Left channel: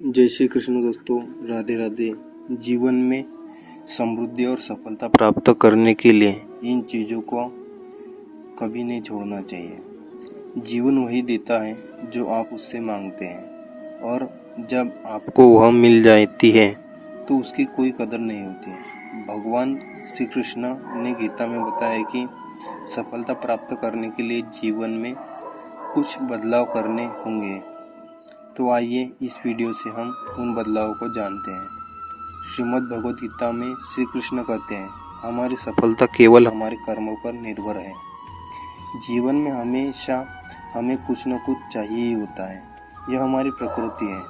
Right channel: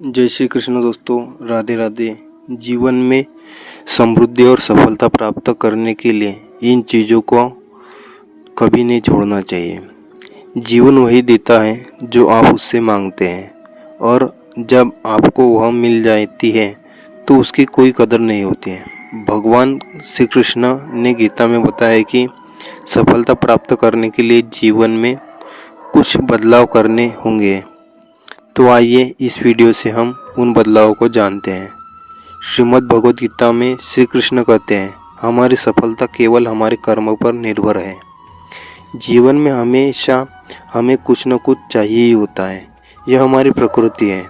जय श्री कृष्ण दोस्तों, राधे राधे। जीवन में समृद्धि और सफलता प्राप्त करने के लिए इन चीज़ों को कभी नहीं छोड़ना चाहिए। जीवन वही देता है जो आप उससे मांगते हैं, और जब आपको वह मिल जाती है तो उसकी कोई कदर नहीं होती है। भगवान श्री कृष्ण ने गीता में बताया कि सफलता प्राप्त करने के लिए जीवन में कुछ बदलाव करने होंगे। तो आइए इस वीडियो से हम उन बदलावों को जानते हैं। श्रीमद् भगवद गीता में श्री कृष्ण कहते हैं, हमारी सफलता केवल हमारे कर्मों पर निर्भर है। जीवन में हमेशा हमें कुछ न कुछ चाहिए ही होता है, यह हमारी प्रकृति है।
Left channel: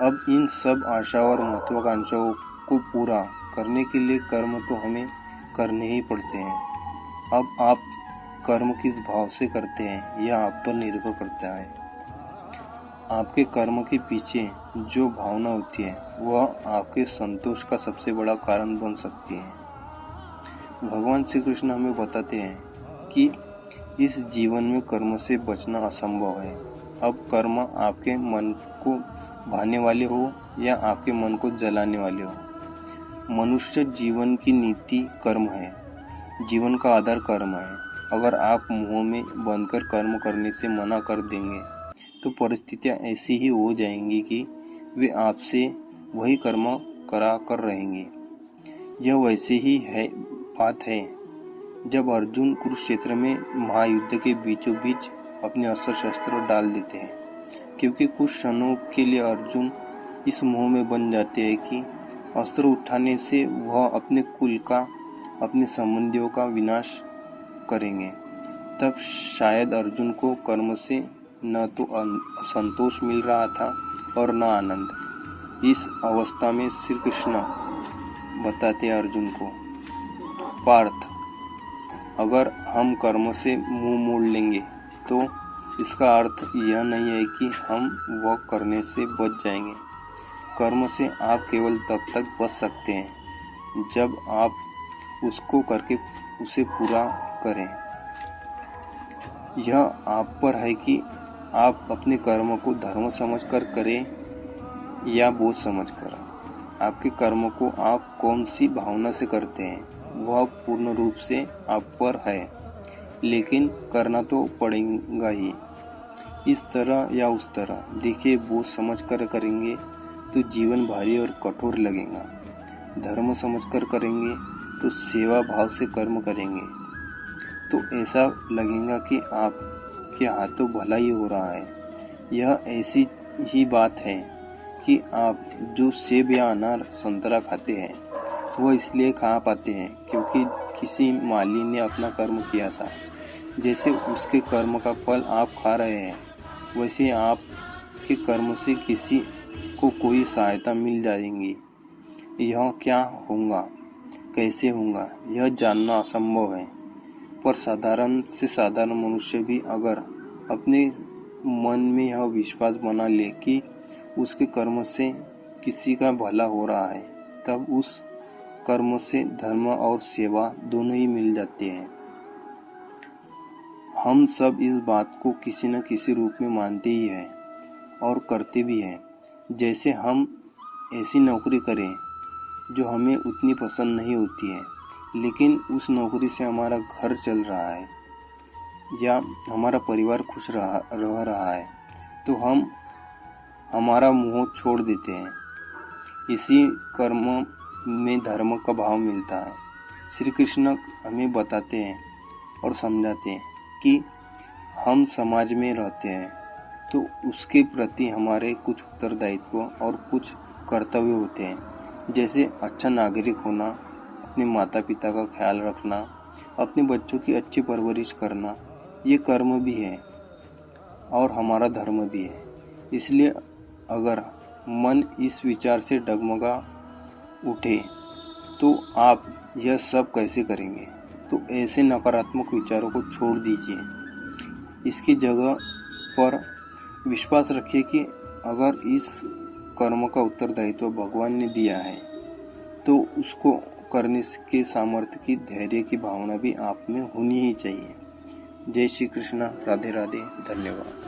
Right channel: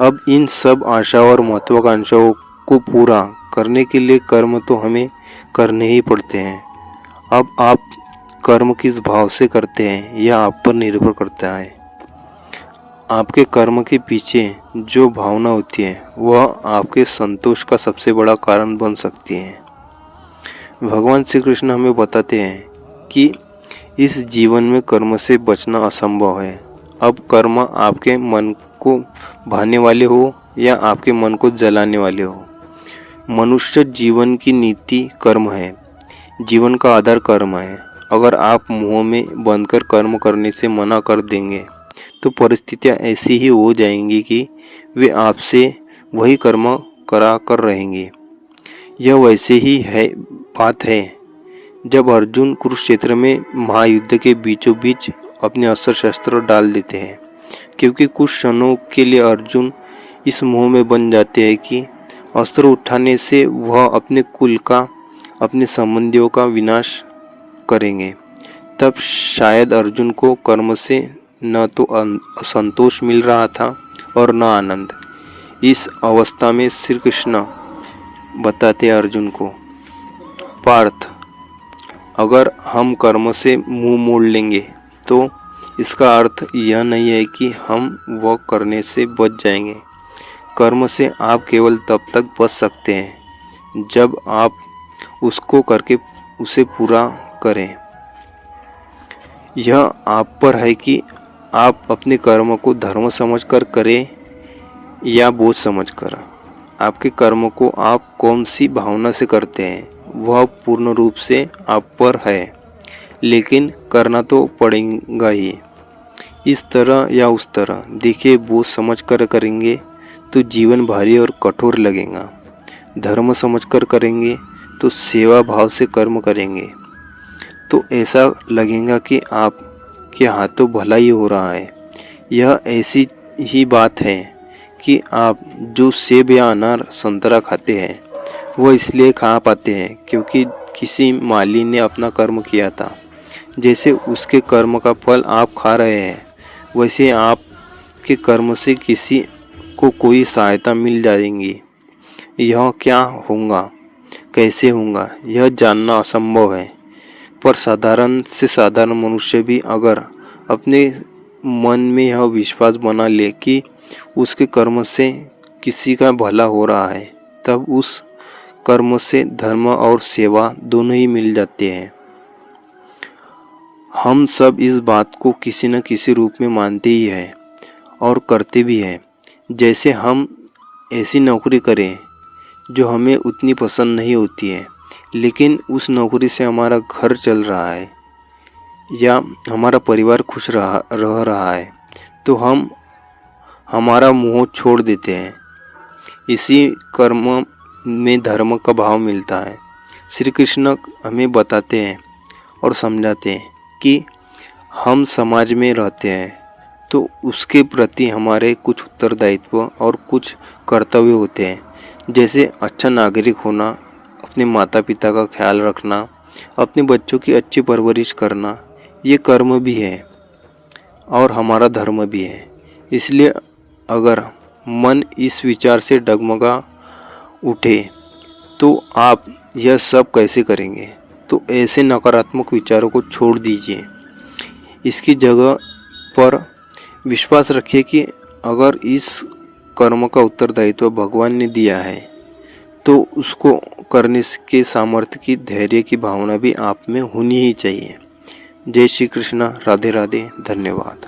अब इन सब आशाओं और महत्वाकांक्षाओं को पूरा करने के लिए कर्म तो हमें करने ही पड़ते हैं। अब आप कर्म किस भाव से करते हैं यह आप पर निर्भर करता है। आपके कर्म के पीछे जो भावना होती है वह आपके संतोष का सबसे बड़ा कारण बन सकती है। भगवान श्री कृष्ण हमें बताते हैं कि इस जीवन में कर्म से बचना असंभव है। अब कर्म आपके मन को भाने वाले हो या आपके मन को जलाने वाले हो, मनुष्य जीवन की नीति कर्म है। जीवन का आधार कर्म है। अगर आप मुंह में बंद कर कर्म करने से मना कर देंगे तो परिस्थितियां ऐसी ही हो जाएंगी कि वे आपसे वही कर्म करा कर रहेंगे। यह वैसे ही है बात है जब अर्जुन कुरुक्षेत्र में महायुद्ध के बीचों बीच अपने अस्त्र शस्त्र डाल देते हैं, क्योंकि कुछ क्षणों के लिए अर्जुन इस मोह में बन जाते हैं कि अस्त्र उठाने से वह अपने कुल का, अपने संबंधियों का विनाश करेंगे। तब शायद अर्जुन को कर्म से न तो संतोष मिल रहा था और न आनंद। इस अवस्था में श्री कृष्ण बताते अर्जुन को, पार्थ, अगर हम कर्म से मुंह मोड़ लेंगे तो इसका अर्थ यह नहीं है कि हम वह करने से बच जाएंगे। कर्म से आप केवल तब तक बच सकते हैं जब आप उसको करके उसे पूरा करें। यह आप पर है कि आप अपने कर्म को धर्म समझकर करें या बोझ समझकर। आपके कर्म को आप कौन सी भावना से करते हैं वह पूर्ण रूप से आप पर है, लेकिन करना तो पड़ेगा ही। इस तरह या उस तरह देखिए, बोझ समझकर करेंगे तो जीवन भारी और कठोर लगेगा। धर्म समझकर करेंगे तो सेवा भाव से कर्म करेंगे तो ऐसा लगेगा कि आपके हाथों भला ही हो रहा है। यह ऐसी ही बात है कि आप जो सेब या अनार संतरा खाते हैं वह इसलिए खा पाते हैं क्योंकि किसी माली ने अपना कर्म किया था। जैसे उसके कर्म का फल आप खा रहे हैं, वैसे आपके कर्म से किसी को कोई सहायता मिल जाएगी। यह क्या होगा, कैसे होगा, यह जानना असंभव है। पर साधारण से साधारण मनुष्य भी अगर अपने मन में यह विश्वास बना ले कि उसके कर्म से किसी का भला हो रहा है, तब उस कर्म से धर्म और सेवा दोनों ही मिल जाते हैं। हम सब इस बात को किसी न किसी रूप में मानते ही हैं और करते भी हैं। जैसे हम ऐसी नौकरी करें जो हमें उतनी पसंद नहीं होती है, लेकिन उस नौकरी से हमारा घर चल रहा है या हमारा परिवार खुश रह रहा है, तो हम हमारा मोह छोड़ देते हैं। इसी कर्म में धर्म का भाव मिलता है। श्री कृष्ण हमें बताते हैं और समझाते हैं कि हम समाज में रहते हैं तो उसके प्रति हमारे कुछ उत्तरदायित्व और कुछ कर्तव्य होते हैं, जैसे अच्छा नागरिक होना, अपने माता पिता का ख्याल रखना, अपने बच्चों की अच्छी परवरिश करना। ये कर्म भी है और हमारा धर्म भी है। इसलिए अगर मन इस विचार से डगमगा उठे तो आप यह सब कैसे करेंगे, तो ऐसे नकारात्मक विचारों को छोड़ दीजिए। इसकी जगह पर विश्वास रखिए कि अगर इस कर्म का उत्तरदायित्व भगवान ने दिया है तो उसको करने के सामर्थ्य की, धैर्य की भावना भी आप में होनी ही चाहिए। जय श्री कृष्ण, राधे राधे, धन्यवाद।